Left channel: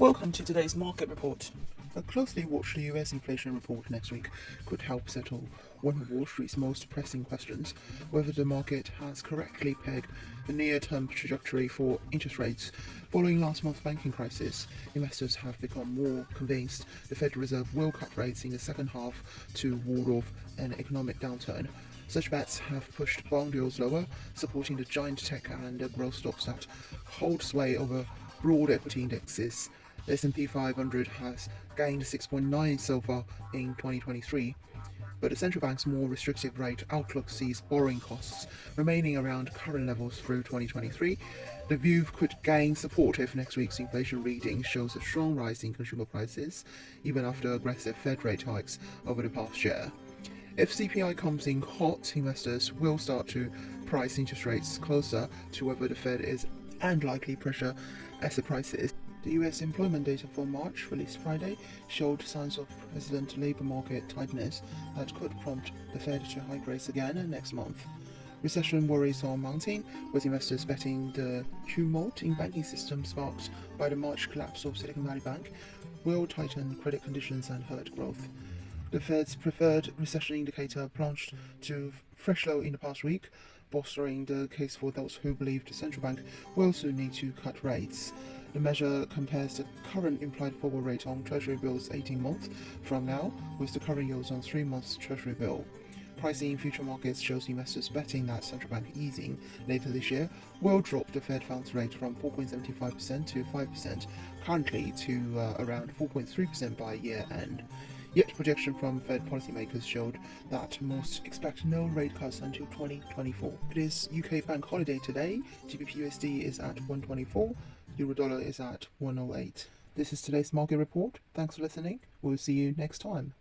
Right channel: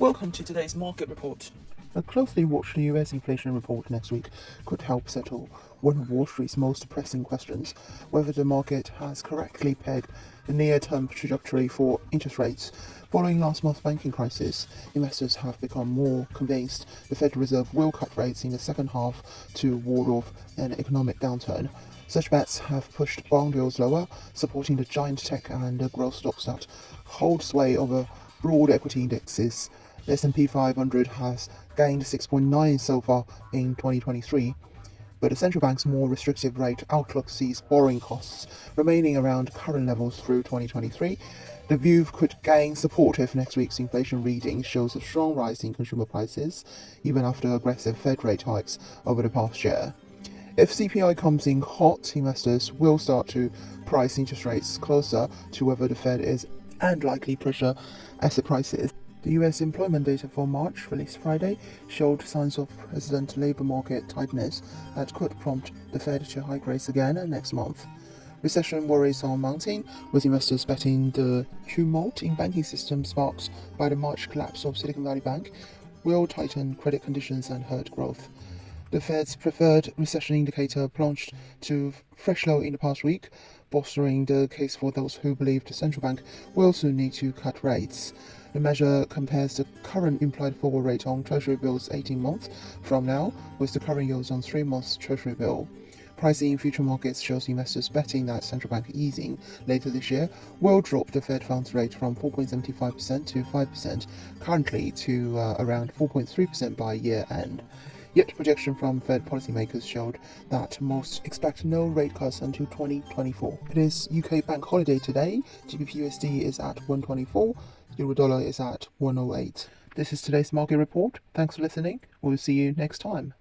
Welcome to today's market report. A closely watched US inflation report next week could help settle one of Wall Street's most pressing questions: whether the market has correctly pegged the near-term trajectory for interest rates. Following last month's banking crisis, investors have become more convinced the Federal Reserve will cut rates in the second half to ward off an economic downturn. Such bets have pushed bond yields lower, supporting the giant tech and growth stocks that hold sway over broad equity indexes. The S&P 500 has gained 6.9 so far in 2023, but the central bank's more restrictive rate outlook sees borrowing costs remaining around current levels through 2023. The view could gain support if next week's inflation reading shows a strong rise in consumer prices, even after aggressive Fed rate hikes over the past year. If CPI comes in hot, investors will start to price interest rates closer to whether the Fed is and likely pressure asset prices. The US employment data for March, released Friday, showed signs of resident labor market tightness that could prompt the Fed to hike rates again next month. Recession worries are mounting, with investors betting the tumult in banking system sparked by the March collapse of Silicon Valley Bank will tighten credit conditions and hurt growth. The Fed's preferred recession indicator plunged to fresh low in the past week, bolstering the case for those who believe the central bank will soon need to cut rates. The measure compares the current implied forward rate on Treasury bills 18 months from now with the current yields on 3 months Treasury bill. Pricing in future markets shows investors betting that central bank easing later this year will drop the Fed funds rate from 4.75% to 5%, currently to around 4.3% by year end. Yet projection from Fed policymakers showed that most expect no rate cuts until 2024. It is UK bank holiday today. GBP/USD is at 124. Euro/dollar is at 108. This is today's market report. Thanks for listening. We'll see you next time.